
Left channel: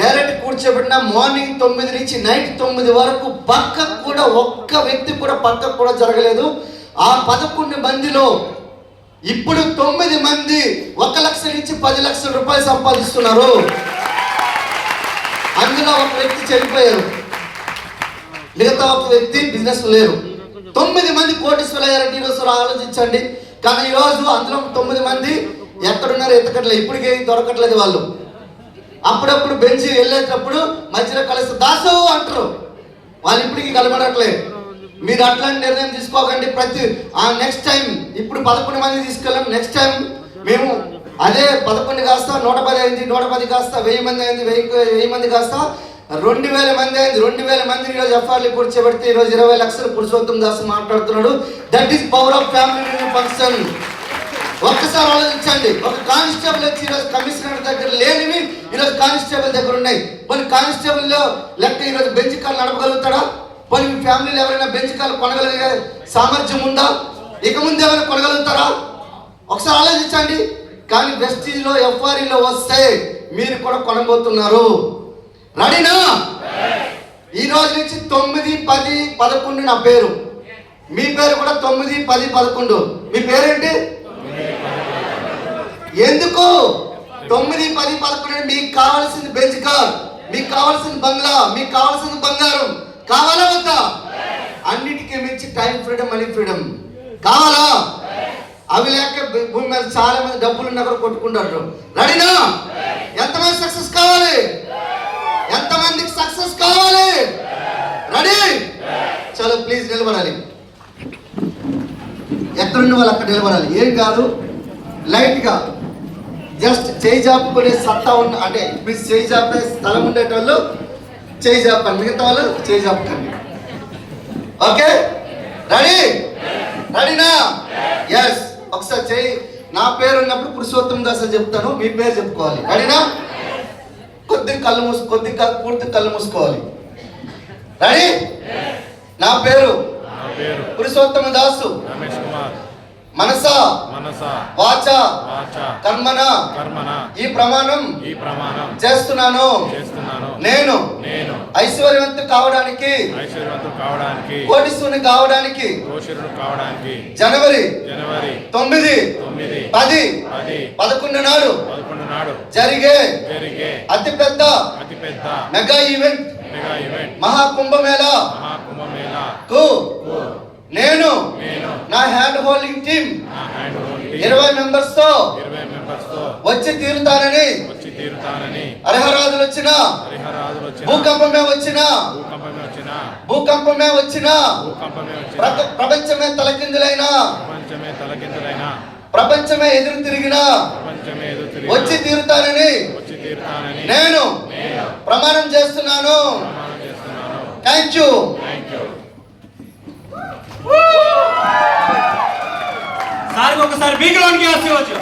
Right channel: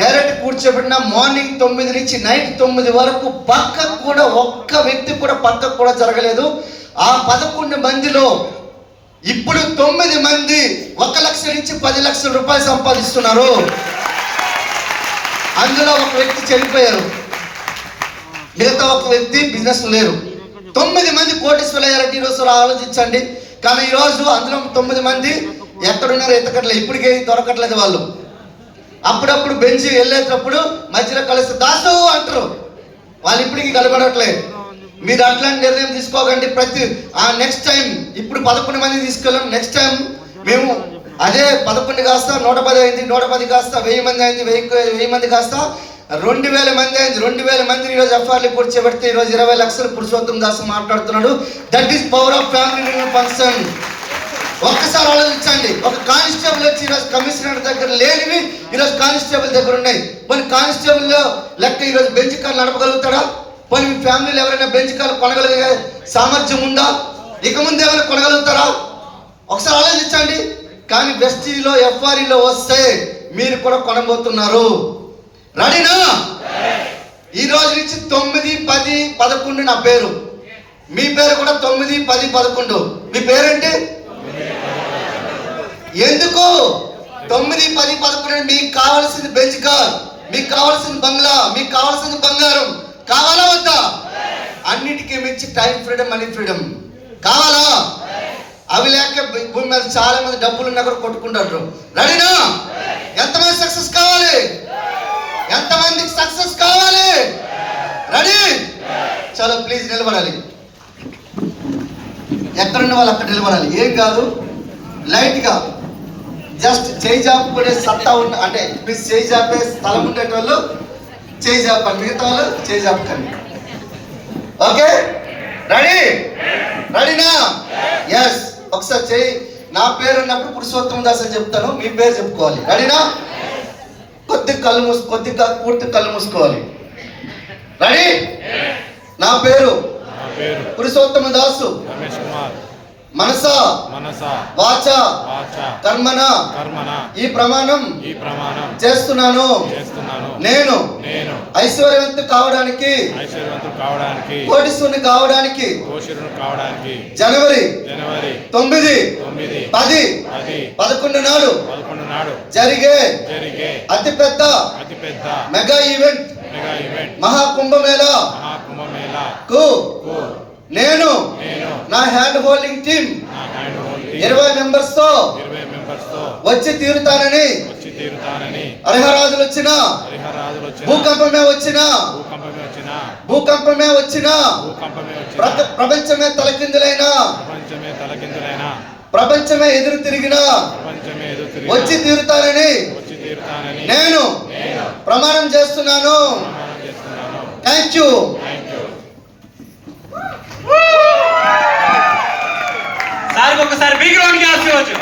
డైరెక్ట్ కూర్చోబెట్టిన. మార్నింగ్ 9 నుంచి నైట్ 9 వరకు పక్కకు కూడా ఒక్క వ్యక్తి కూడా పక్కకు కూడా జరగలేదు. ఆ 11 మందిలో ఇప్పుడు 9 మంది 1 లక్ష నుంచి 10 లక్షల రూపాయలు సంపాదిస్తున్నారు. అందులో ఒక వ్యక్తి చనిపోయారు, మిగతా ఒక వ్యక్తి బిజినెస్ లేరు. 9 మంది కోటీశ్వరులు అయ్యారంటే ఈరోజు ఆలోచించండి. కానీ ఈరోజు అందులో 9 మంది ఎక్కడున్నారో ఎత్తకట్లేదు, ఇప్పటికే దొరకట్లేదు వాళ్ళు. అప్పుడప్పుడు బెంచ్ వెళ్ళేటప్పుడు మధ్యలో కలిసి దాసు అంటారు, వాళ్ళు ఇప్పటికీ కలబడట్లేదు. మీరు అట్లాంటి నిర్ణయం తీసుకోకండి. నెక్స్ట్ టైం ఇప్పుడు 11 మంది తీసుకెళ్ళాం, నెక్స్ట్ టైం మేము అదే 11 కాస్త 110 అయింది, 110 కాస్త 1000 మంది అయింది, 1000 మంది కాస్త 2000 మంది అయింది. 2000 మందిని ఈరోజు ఎఫ్ఆర్లు కూర్చోబెడితే ఈరోజు 20 లక్షలు పురుషోత్తం దాస్ మాట్లాడుతున్నాడు. That is power of family function. ఒక్కసారి ఆలోచించండి. ఒక కానిస్టేబుల్ వచ్చి ఈరోజు కమిషనర్ దగ్గర లేనివి ఈరోజు కానిస్టేబుల్ దగ్గర ఉన్నాయి. కొన్ని కానిస్టేబుల్ లెక్క ఈరోజు బెంచ్ కార్లు నడపగలుగుతాడా? కొన్ని ఫ్యామిలీలు ఎవరైనా బెంచ్ కార్లు కొనగలిగే సామర్థ్యం ఉందా? ఇక ముందు ఎవరైనా కొనగలుగుతారా? ఒకసారి ఆలోచించండి. కానీ వెస్టీలో ఎఫ్ఆర్ఈలో వస్తే మీరు కూడా కొనబోతున్నారు. రెడీనా? ఈ రోజు నుంచి 9, 10, 11 నా పేరు, మీ పేరు కూడా 9, 10, 11. మీ పేరేంటి? ఎందుకు 9, 10, 11? మీకు కావాల్సింది బెంచ్ కార్, మీకు కావాల్సింది బంగ్లా, మీకు కావాల్సింది బంగారం కావాలా వద్దా? అన్నిటికీ మించి టైం ఫ్రీడమ్, మనీ ఫ్రీడమ్ కావాలా? అవి లేక భూమి మీద చాలా మంది డబ్బులు ఉన్నా కూడా కొట్టుకుంటారు. రెడీనా? ఎంతమంది సక్సెస్ కావాలి? ఎంతమందికి సక్సెస్ కావాలి? రెడీ? చలో ప్లీజ్ నిలబడాలి. ఎక్కడున్న వాళ్ళు అక్కడ నిలబడాలి. ఏం కాదు, లైట్గా జస్ట్ చేయి జాపుకునే సత్తా ఉన్న, అంటే మీరు చేయి జాపే స్థలం ఉండేటోళ్ళు చేయి జాపండి, మిగతా వాళ్ళు చేయి జాపకండి. ఓకే? రెడీ? రెడీనా? ఎస్. ఒకసారి చేయి. నా పేరు ఉన్నప్పుడు పురుషోత్తం దాస్ అని చెప్తాను, మీ పేరు చెప్పుకోవాలి. రెడీనా? కొద్దిగా పూర్తి కళ్ళు మూసుకోవాలి. రెడీ? నా పేరు పురుషోత్తమ దాసు రమేష్ కుమార్, మనస వాచ కర్మన ఈ ప్రమాణం చేస్తున్నాను. నేను ఐశ్వర్యవంతుడు కావడానికి కోటీశ్వరుని కావడానికి జనవరి 9, 10, 11 నాడు జరిగే అతిపెద్ద మెగా ఈవెంట్ మహాకుంభమేళా నేను నా హ్యాండ్ హోల్డింగ్ టీమ్ 20 మెంబర్స్ తో వచ్చి తీరుతానని. అర్హరాజులు వచ్చినా, భూకంపమే వచ్చినా, ప్రపంచమే తలకిందులైనా, ప్రపంచమే ఎదురు తిరిగినా వచ్చి తీరుతానని నేను ప్రమాణం చేస్తున్నాను. Thank you. సార్ ఒకసారి బీగ్రౌండ్ కి ఆశించవచ్చు.